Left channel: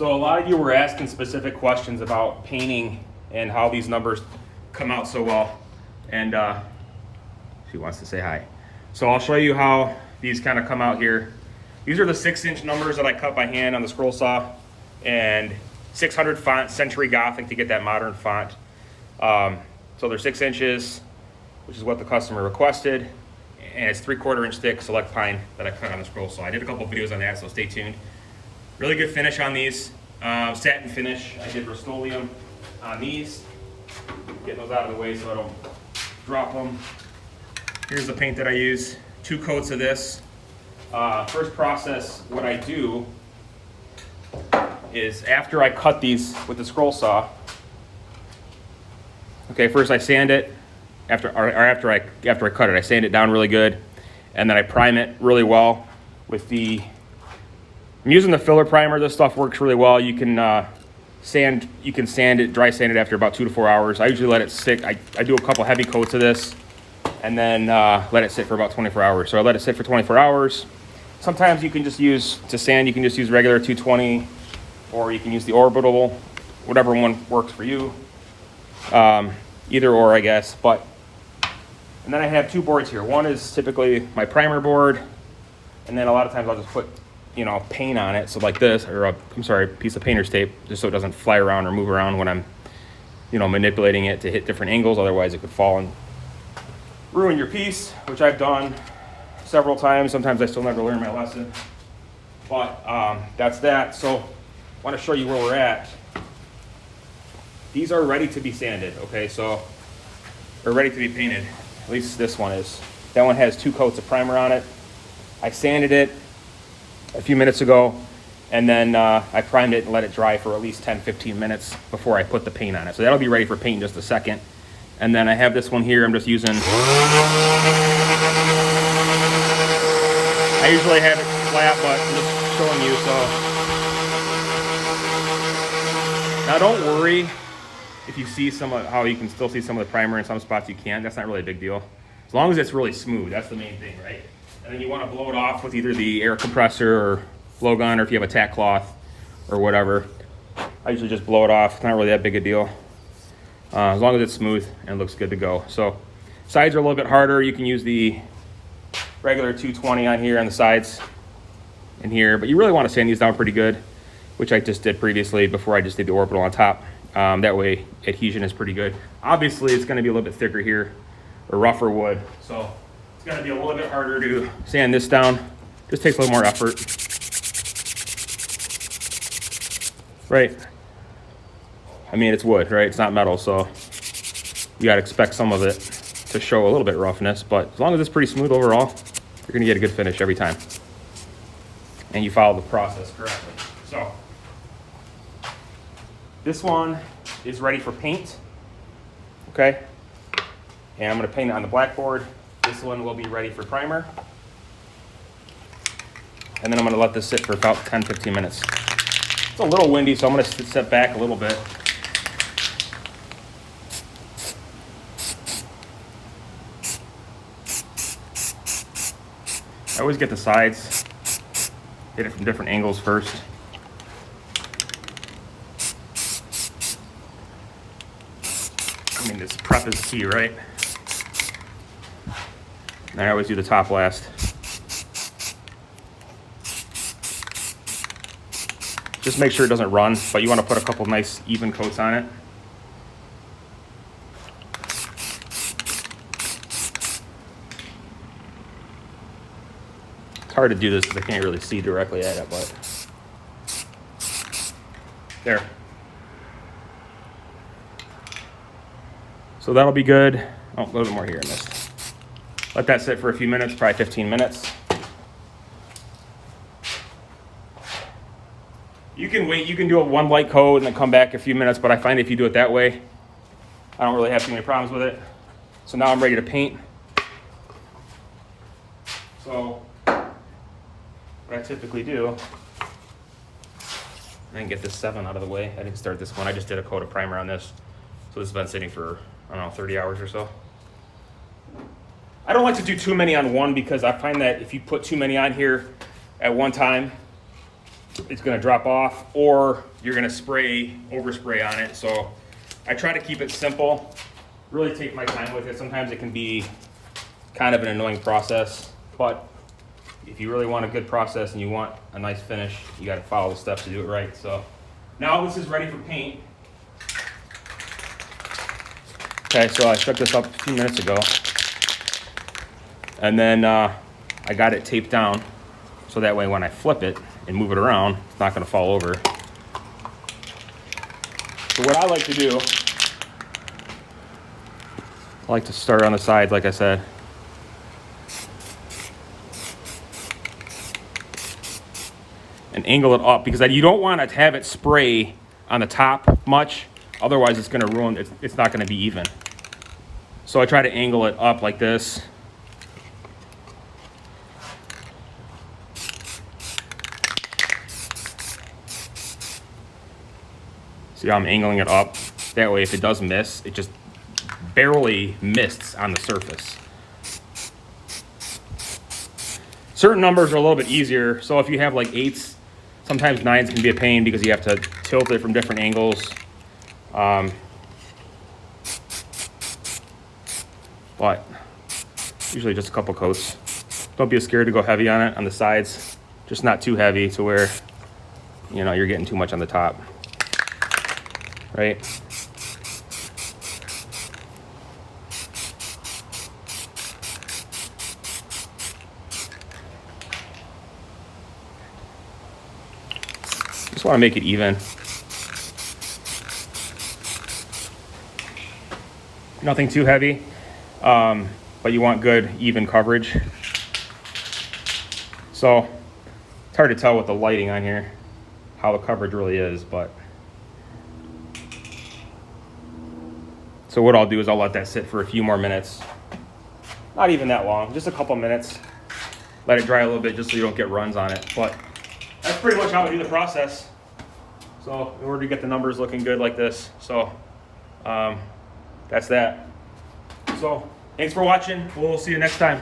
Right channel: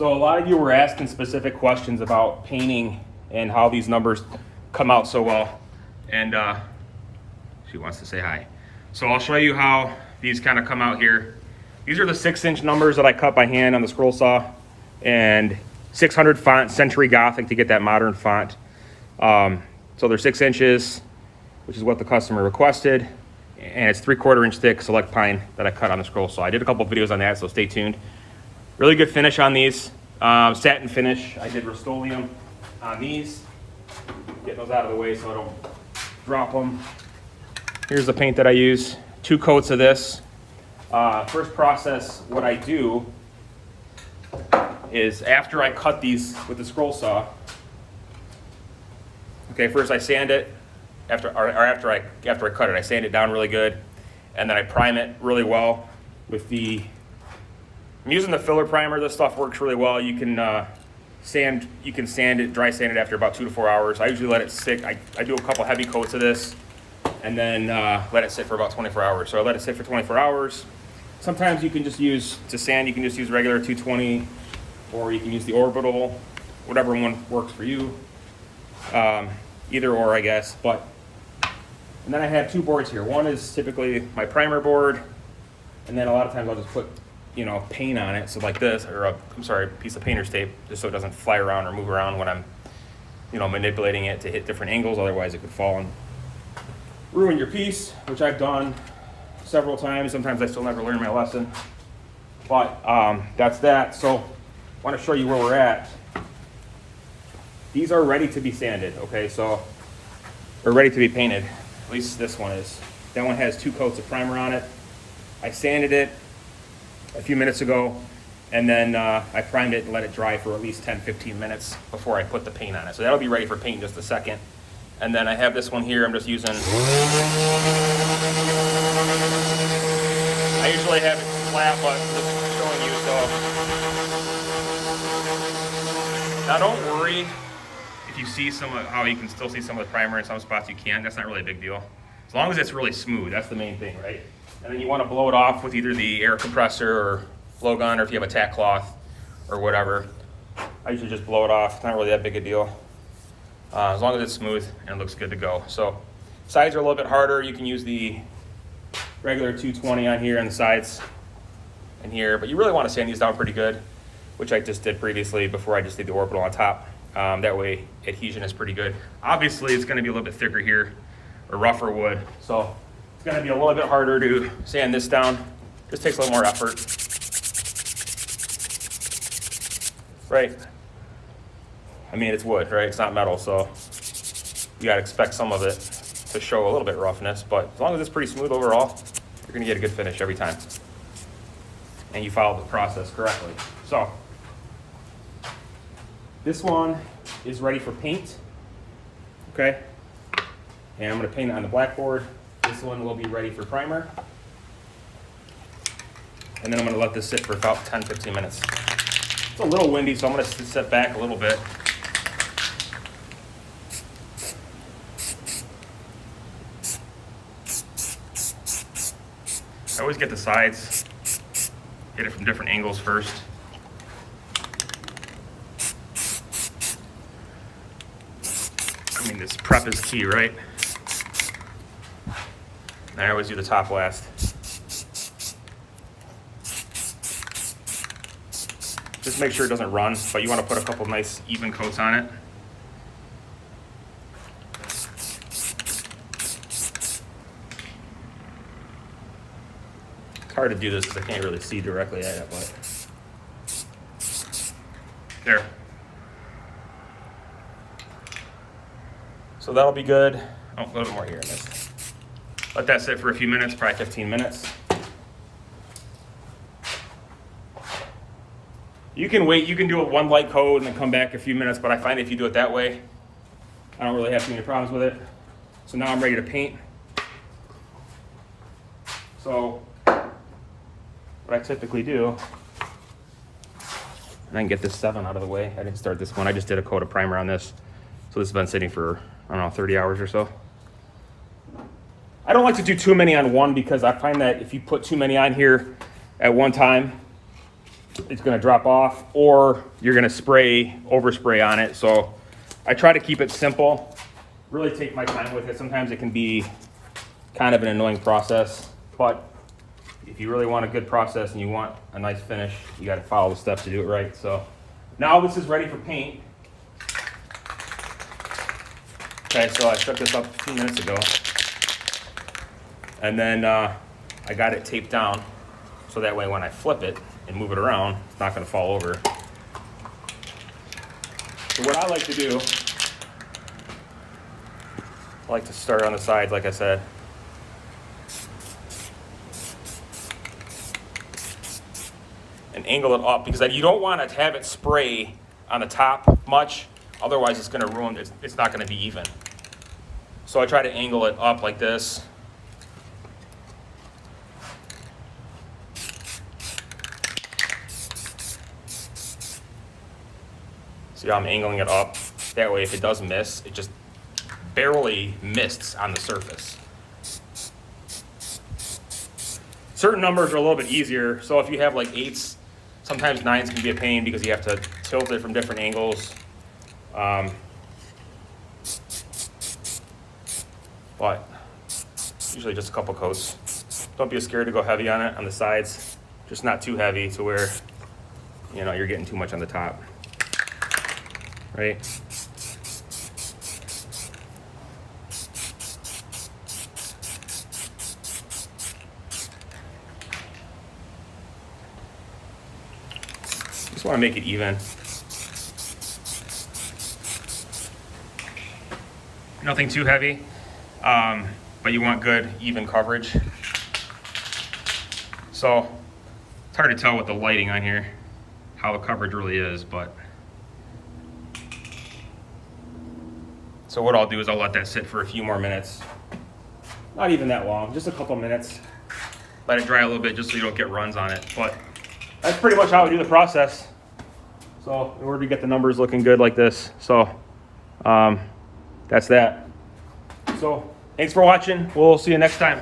So a lot of you were asking specific questions about painting and how these numbers come out so well. And she wants to say hi. So I'll show you how these kind of come out here. These are the 6-inch numbers that I cut by hand on the scroll saw, and 600 font, Century Gothic to get that modern font. So they're 6 inches, which is what the customer requested, and it's 3/4 inch thick select pine that I cut on the scroll saw. I did a couple of videos on that, so stay tuned. Really good finish on these. Satin finish. I did Rust-Oleum on these. Get those out of the way so I don't drop them. Here's the paint that I use. 2 coats of this. First process, what I do is after I cut these with the scroll saw, okay, first I sand it. After I cut it, I sand it down really good, and then I prime it really well with the. I'm using the filler primer. This stuff works really well. You can sand it, dry sand it after about 2 to 4 hours. I usually let it sit. I do a couple heavy coats of this, and then let it sit for about 24 hours. So I let it sit for 24 hours. Sometimes you can just use, to sand, you can just use regular 220, or you can use the orbital, whatever one works for you. Either or, I guess. And then I have 2 boards here. One is typically my primer board, and then a lot of times I'll just put, paint on it. So like this, or a piece of painter's tape, just so it doesn't fly around or move around when I'm, manipulating it to hit different angles. Otherwise it could fall and ruin your piece, which I've done several times. Sometimes I still never learn my lesson. But that's that. So I want to show you where we're at. These are ready to be sanded, okay? So they're ready to be painted. At least this one is. That one has 2 coats of primer on it. I sanded it a few minutes ago, and then I primed it and let it dry for at least 10-15 minutes before I put the paint on it. So that'll be ready for paint in just a second. And then I have this one here. I'm just using. I usually have it flat, but I'm just showing you. So now don't worry if you see how you can still see some of the primer in some spots you can't. That's not really a big deal. As long as it's really smooth, that's the main thing, right? And then you want to blow it off with either the air compressor or blow gun, or if you have a tack cloth or whatever. I usually just blow it off. It's not really that big a deal. As long as it's smooth and looks good to go. So sides are a little bit harder. You can use the regular 220 on here on the sides in here, but you really want to sand these down pretty good, which I just did previously before I just did the orbital on top. That way adhesion is pretty good. Obviously it's going to be a little bit thicker here, or rougher wood, so it's going to be a little bit harder to sand this down. Just takes a little more effort. Right. I mean, it's wood, right? It's not metal, so you gotta expect some of it to show a little bit roughness, but as long as it's pretty smooth overall, you're gonna get a good finish every time. And you follow the process correctly. So, this one is ready for paint, okay? And I'm gonna paint it on the blackboard. This one will be ready for primer. And then I'm gonna let this sit for about 10-15 minutes. It's a little windy, so I'm gonna sit back a little bit. I always get the sides, get it from different angles first. I mean, this prep is key, right? And I always do the top last. Just make sure it doesn't run, but you want to put a couple nice even coats on it. It's hard to do this because I can't really see directly at it, but there. So that'll be good. Oh, a little bit more here in this. Let that sit for a few minutes, probably 15 minutes. You can wait, you can do a 1 light coat and then come back a few minutes, but I find if you do it that way, I don't really have too many problems with it. So now I'm ready to paint. So what I typically do, and I can get this 7 out of the way. I didn't start this one, I just did a coat of primer on this. So this has been sitting for, I don't know, 30 hours or so. I don't like to do too many on one because I find that if you put too many on here at one time, it's going to drop off, or you're going to overspray on it. So I try to keep it simple, really take my time with it. Sometimes it can be kind of an annoying process, but if you really want a good process and you want a nice finish, you got to follow the steps to do it right. So now this is ready for paint. Okay, so I took this up a few minutes ago, and then I got it taped down so that way when I flip it and move it around, it's not going to fall over. So what I like to do, I like to start on the sides, like I said. And angle it up, because you don't want to have it spray on the top much, otherwise it's going to ruin it. It's not going to be even. So I try to angle it up like this. See how I'm angling it up? That way if it does miss, it just barely mists on the surface. Certain numbers are a little bit easier, so if you have like 8s, sometimes 9s can be a pain because you have to tilt it from different angles. But usually just a couple coats. Don't be scared to go heavy on it on the sides, just not too heavy to where you're getting too much on the top, right? Just want to make it even. Nothing too heavy, but you want good, even coverage. So it's hard to tell with the lighting on here how the coverage really is, but so what I'll do is I'll let that sit for a few more minutes. Not even that long, just a couple minutes. Let it dry a little bit just so you don't get runs on it. But that's pretty much how I do the process. So in order to get the numbers looking good like this, so that's that. So thanks for watching. We'll see you next time.